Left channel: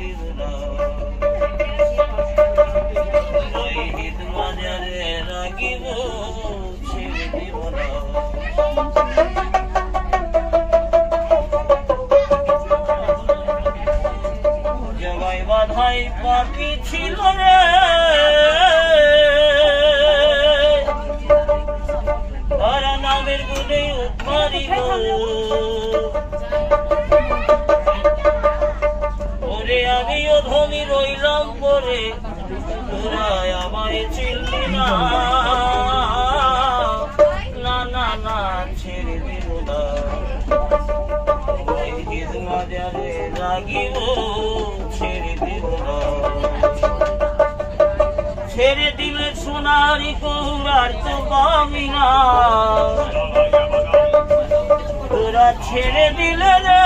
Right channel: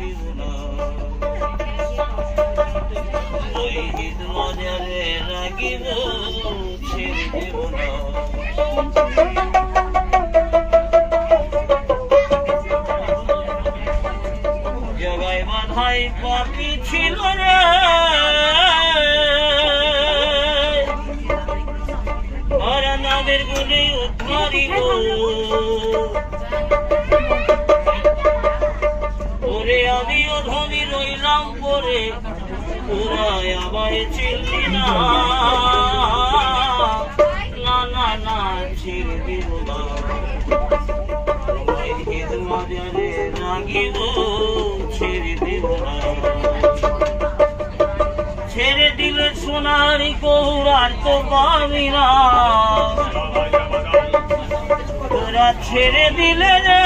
দিব না শহীদ মাজারে রাখিব ছেড়ে দিব না জগায় বাধাই পাপি ছিল রে তারা নামের গুণে উদ্ধারিব ওরে আমিও ধনী রইলাম পরে ওরা আমায় চিনলি না না না না ছেড়ে দিব না শহীদ মাজারে রাখিব ছেড়ে দিব না ছেড়ে দিলে সোনারি গৌরার তো পাবি না তোরা ছেড়ে দিলে রে